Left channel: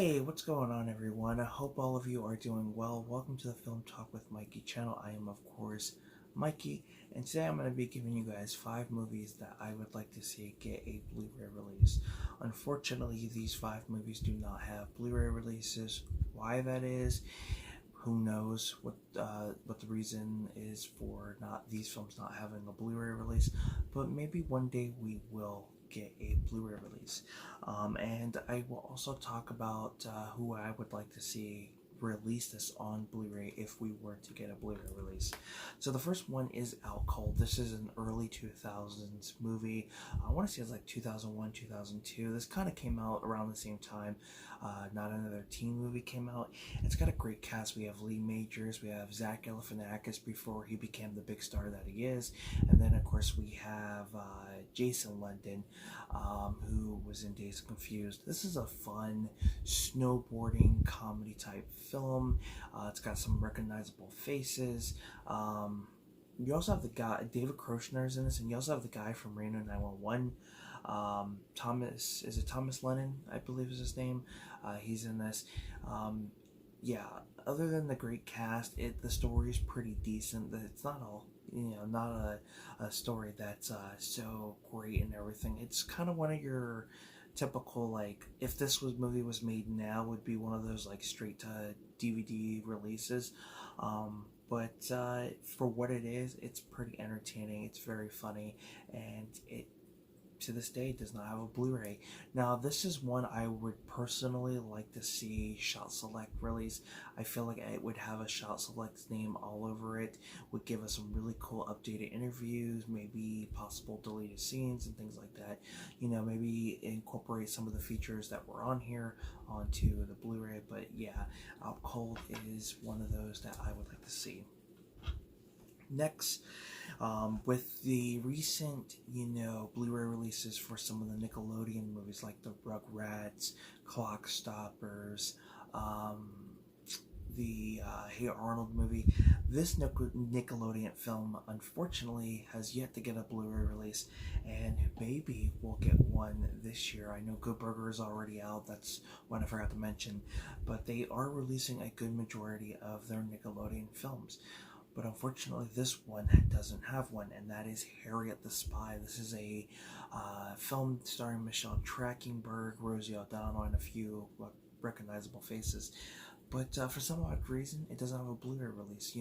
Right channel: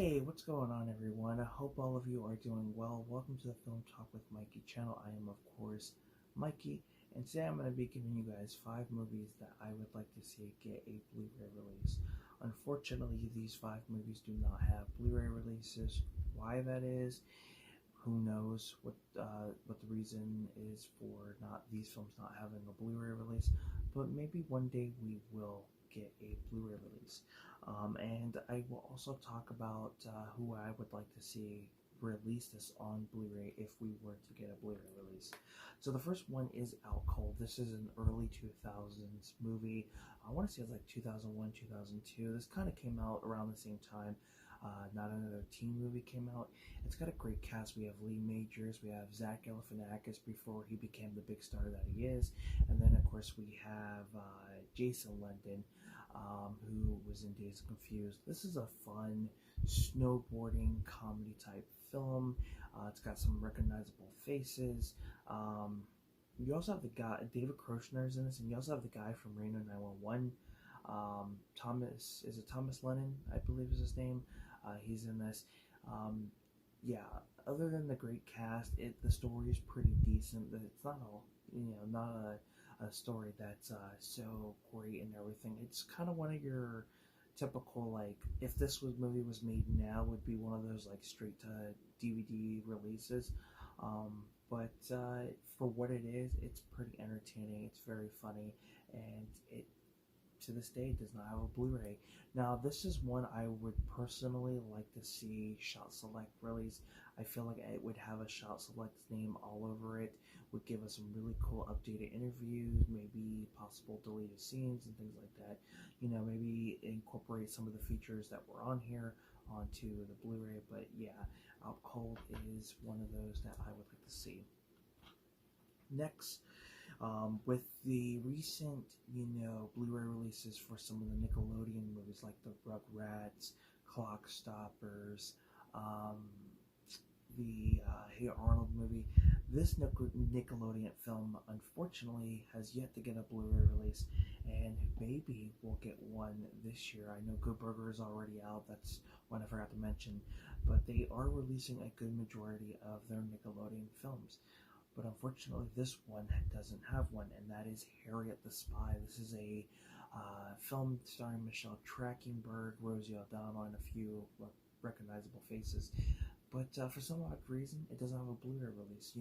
Hey, what's going on, everyone? I hope all of you are doing well. Welcome to the Film Talk with Mikey channel. I am, of course, Mikey, and today I'm going to be giving you guys 5 movies that I would like to see get a Blu-ray release. Unfortunately, these 5 movies do not have Blu-ray releases. Why that is, who knows what the reason is for these films not having a Blu-ray release, but maybe one day we will get a Blu-ray release. And I will also talk about who I would like to see release this on Blu-ray if we were to get a Blu-ray release. So the first one is Out Cold. This is an early 2000s movie. I want to say it's like 2001, 2002. This kind of came out around the same time. Not Another Teen movie came out. It's got a great cast. We have Lee Majors, we have Zach Galifianakis before he became the big star that he is, and then of course we have Jason London, who was in Dazed and Confused. This is a fun snowboarding comedy type film. It's got some recognizable faces. You also have the guy David Kroshner's in this, and you also have the guy from Reno 911. Thomas Lennon, I believe is his name. He's in this. Yeah, other than the great cast, the story is pretty decent. It's not all, not a story that's so great and everything. It's kind of one of your typical, like, if this movie was made now, would be one of those like straight to DVD releases. But for what it is, it's pretty entertaining. It's very funny, and it to this day does not have a Blu-ray. Now this is one I would personally like to see Shot Select release. I feel like it would have a Shot Select's name all over it, would give us some really cool updated interviews, maybe possible deleted scenes and things like that. Maybe incorporate some of the features that were on here onto the Blu-ray. But yeah, Out Cold is one of those that I would like to see. Next, with the recent, Blu-ray releases for some of the Nickelodeon movies like the Rugrats, Clock Stoppers, the Hey Arnold movie, this Nickelodeon film unfortunately has yet to get a Blu-ray release, and maybe we'll get one this year. I know Good Burger is already out, that's one I forgot to mention, but they are releasing a good majority of their Nickelodeon films. But unfortunately, this one doesn't have one, and that is Harriet the Spy. This is a film starring Michelle Trachtenberg, Rosie O'Donnell, and a few recognizable faces. But for some odd reason, it doesn't have a Blu-ray release.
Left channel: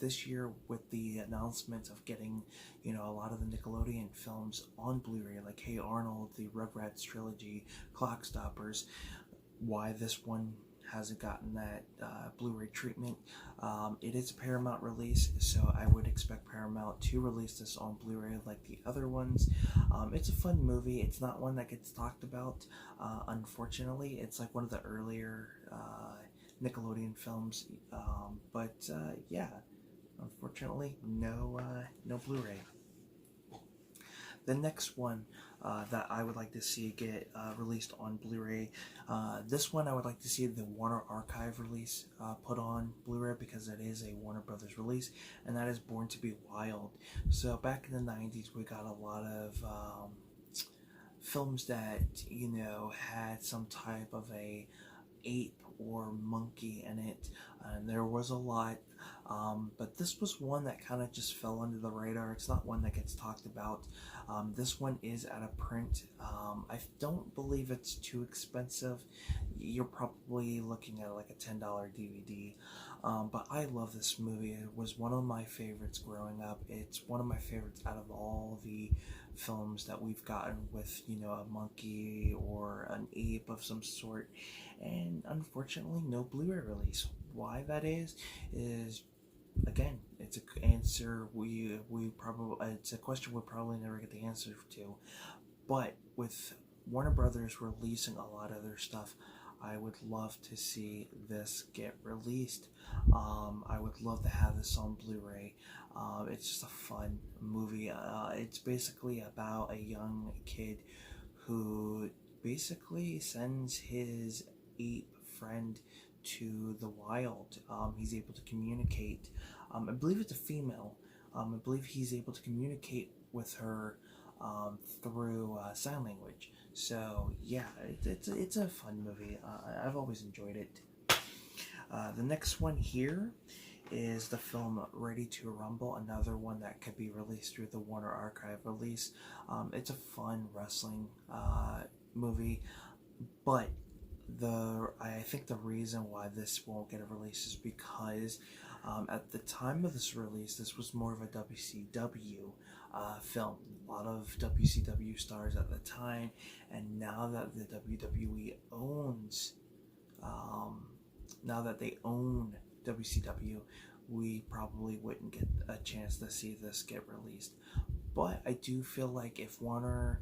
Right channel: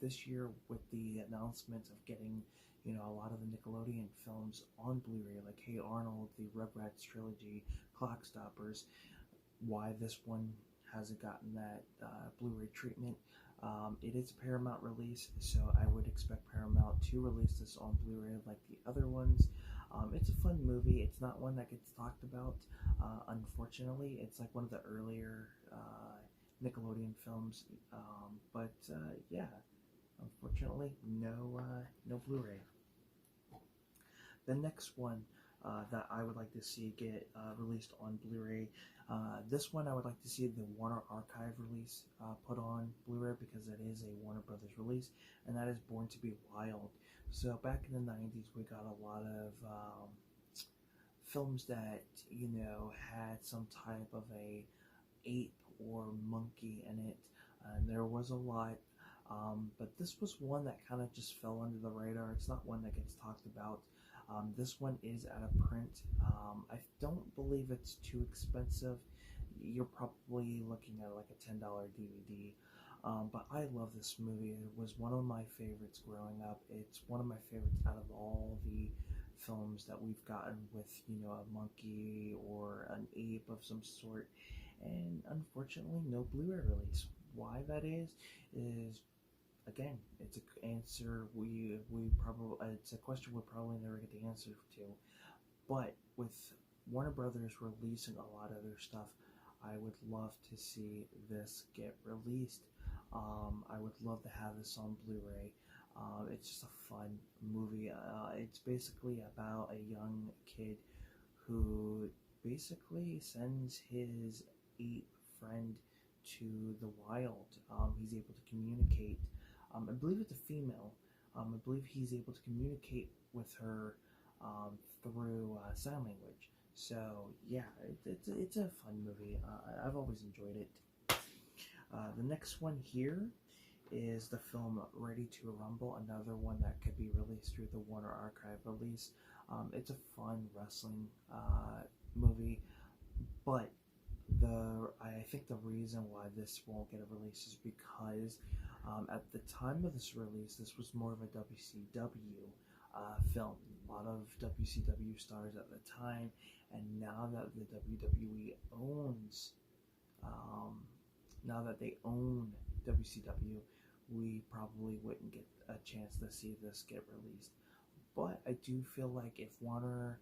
This year with the announcement of getting, a lot of the Nickelodeon films on Blu-ray, like Hey Arnold, the Rugrats trilogy, Clock Stoppers, why this one hasn't gotten that Blu-ray treatment. It is a Paramount release, so I would expect Paramount to release this on Blu-ray like the other ones. It's a fun movie. It's not one that gets talked about, unfortunately. It's like one of the earlier Nickelodeon films, but yeah, unfortunately, no Blu-ray. The next one that I would like to see get released on Blu-ray, this one I would like to see the Warner Archive release put on Blu-ray, because it is a Warner Brothers release, and that is Born to Be Wild. So back in the 90s, we got a lot of films that had some type of a ape or monkey in it, and there was a lot. But this was one that kind of just fell under the radar. It's not one that gets talked about. This one is out of print. I don't believe it's too expensive. You're probably looking at like a $10 DVD. But I love this movie. It was one of my favorites growing up. It's one of my favorites out of all the films that we've gotten with, a monkey or an ape of some sort. And unfortunately, no Blu-ray release. Why that is again, it's an answer it's a question we'll probably never get the answer to. But with Warner Brothers releasing a lot of their stuff, I would love to see this get released. I would love to have this on Blu-ray. It's just a fun movie. It's basically about a young kid who basically sends his ape friend to the wild. He's able to communicate. I believe it's a female. I believe he's able to communicate with her through sign language. So yeah, it's a fun movie. I've always enjoyed it. The next one here is the film Ready to Rumble, another one that could be released through the Warner Archive release. It's a fun wrestling movie, but I think the reason why this won't get a release is because at the time of this release, this was more of a WCW film. A lot of WCW stars at the time, and now that the WWE owns, um, now that they own WCW, we probably wouldn't get a chance to see this get released. But I do feel like if Warner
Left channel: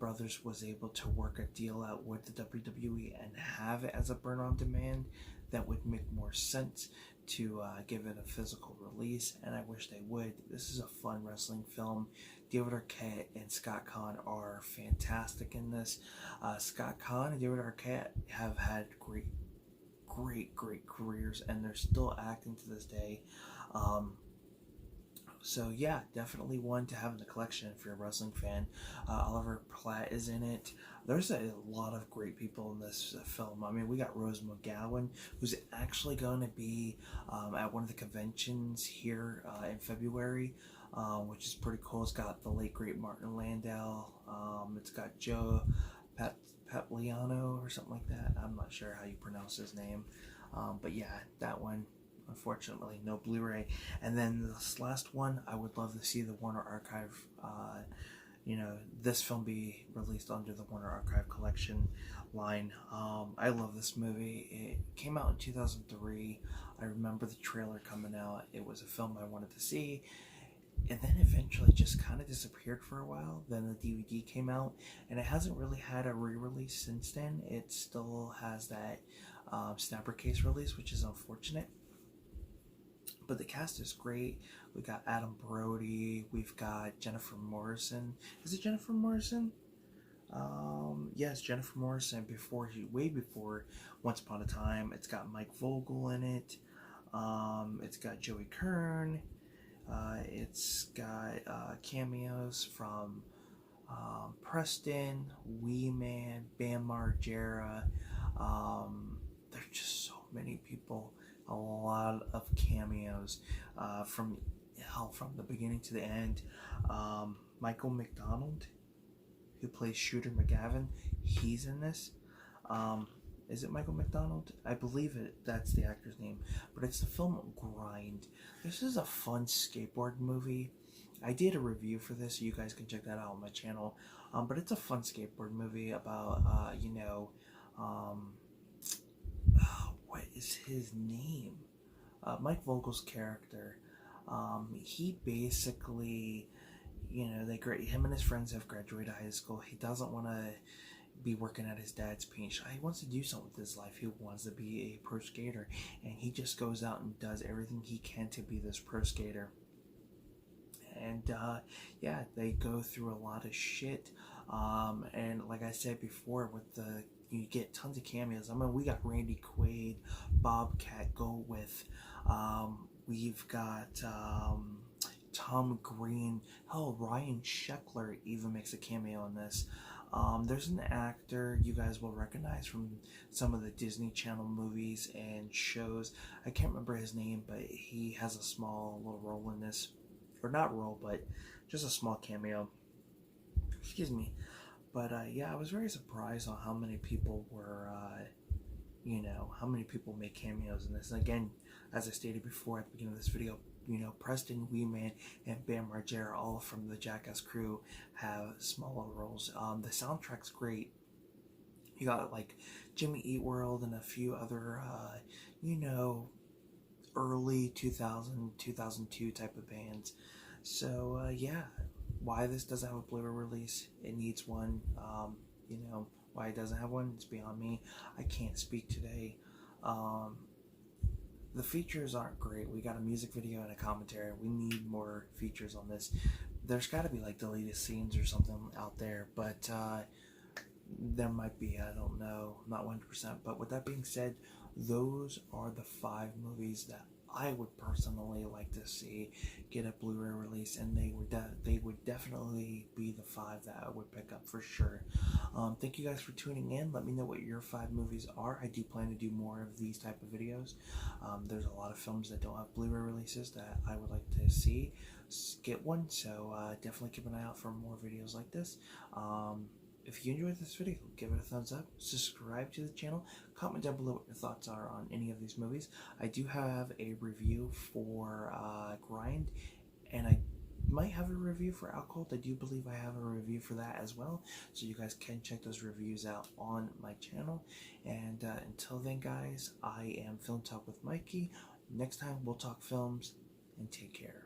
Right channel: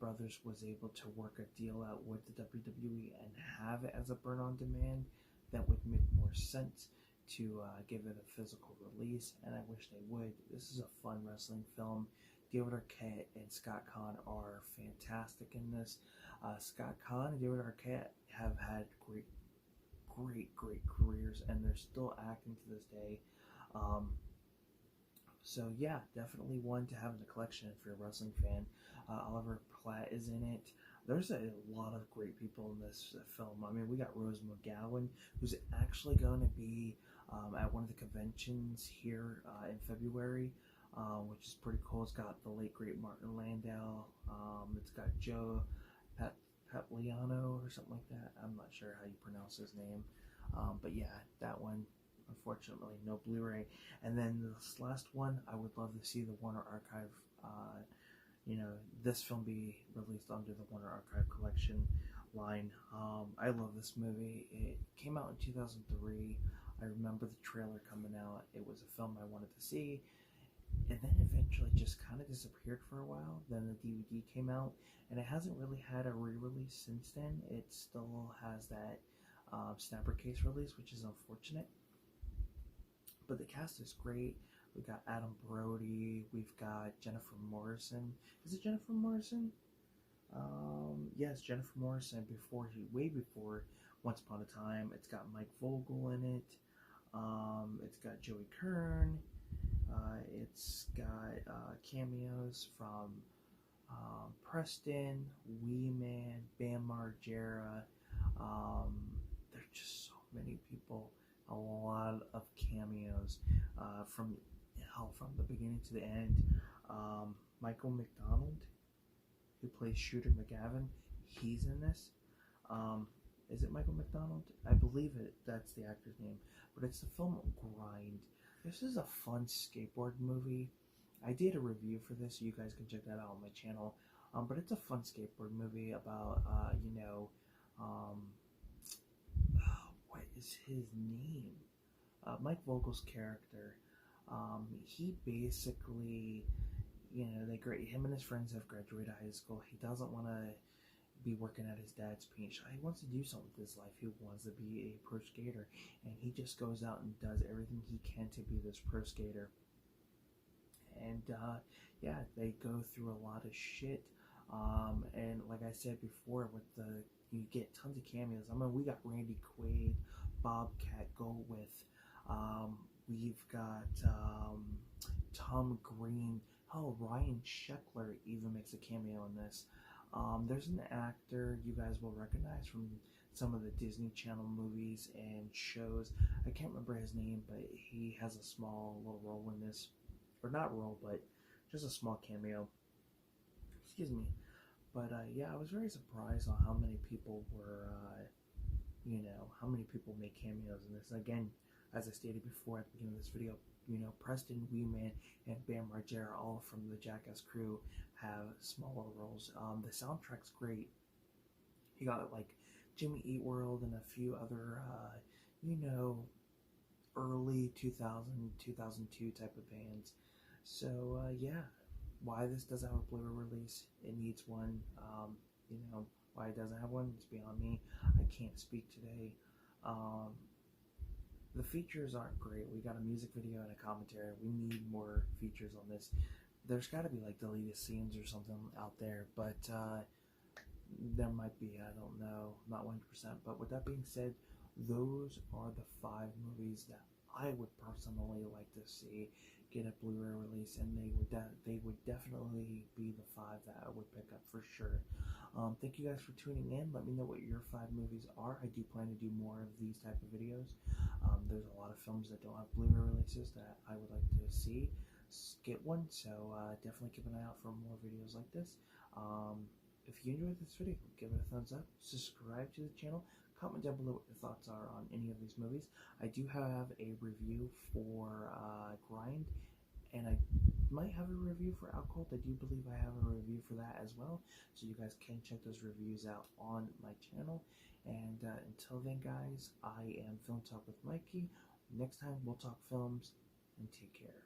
Brothers was able to work a deal out with the WWE and have it as a burn on demand, that would make more sense to give it a physical release, and I wish they would. This is a fun wrestling film. David Arquette and Scott Conn are fantastic in this. Scott Conn and David Arquette have had great careers, and they're still acting to this day. So yeah, definitely one to have in the collection if you're a wrestling fan. Oliver Platt is in it. There's a lot of great people in this film. I mean, we got Rose McGowan, who's actually going to be at one of the conventions here in February, which is pretty cool. It's got the late great Martin Landau. It's got Joe Pagliano or something like that. I'm not sure how you pronounce his name, but yeah, that one. Unfortunately, no Blu-ray. And then this last one, I would love to see the Warner Archive, this film be released under the Warner Archive collection line. I love this movie. It came out in 2003. I remember the trailer coming out. It was a film I wanted to see, and then eventually just kind of disappeared for a while. Then the DVD came out, and it hasn't really had a re-release since then. It still has that snapper case release, which is unfortunate. But the cast is great. We got Adam Brody. We've got Jennifer Morrison. Is it Jennifer Morrison? Yes, Jennifer Morrison. Way before Once Upon a Time. It's got Mike Vogel in it. It's got Joey Kern. It's got cameos from Preston, Wee Man, Bam Margera. There's just so many people. A lot of cameos from the beginning to the end. Michael McDonald, who plays Shooter McGavin, he's in this. Is it Michael McDonald? I believe that's the actor's name. But it's the film Grind. This is a fun skateboard movie. I did a review for this, so you guys can check that out on my channel. But it's a fun skateboard movie about what is his name? Mike Vogel's character. He basically, him and his friends have graduated high school. He doesn't want to be working at his dad's paint shop. He wants to do something with his life. He wants to be a pro skater, and he just goes out and does everything he can to be this pro skater. And they go through a lot of shit. And like I said before, you get tons of cameos. I mean, we got Randy Quaid, Bobcat Goldthwait. We've got Tom Green. Hell, Ryan Sheckler even makes a cameo in this. There's an actor you guys will recognize from some of the Disney Channel movies and shows. I can't remember his name, but he has a small little role in this. Or not role, but just a small cameo. Excuse me. But I was very surprised on how many people were, how many people make cameos in this. And again, as I stated before at the beginning of this video, Preston, Wee Man, and Bam Margera, all from the Jackass crew, have small little roles. The soundtrack's great. You got like Jimmy Eat World and a few other, early 2000, 2002 type of bands. So, why this doesn't have a Blu-ray release, it needs one. Why it doesn't have one, it's beyond me. I can't speak today. The features aren't great. We got a music video and a commentary. We need more features on this. There's got to be like deleted scenes or something out there, but there might be. I don't know, not 100%. But with that being said, those are the 5 movies that I would personally like to see get a Blu-ray release, and they would definitely be the 5 that I would pick up for sure. Thank you guys for tuning in. Let me know what your 5 movies are. I do plan to do more of these type of videos. There's a lot of films that don't have Blu-ray releases that I would like to see get one, so definitely keep an eye out for more videos like this. If you enjoyed this video, give it a thumbs up, subscribe to the channel, comment down below what your thoughts are on any of these movies. I do have a review for Grind, and I might have a review for Alcohol. I do believe I have a review for that as well, so you guys can check those reviews out on my channel. And until then, guys, I am Film Talk with Mikey. Next time, we'll talk films, and take care.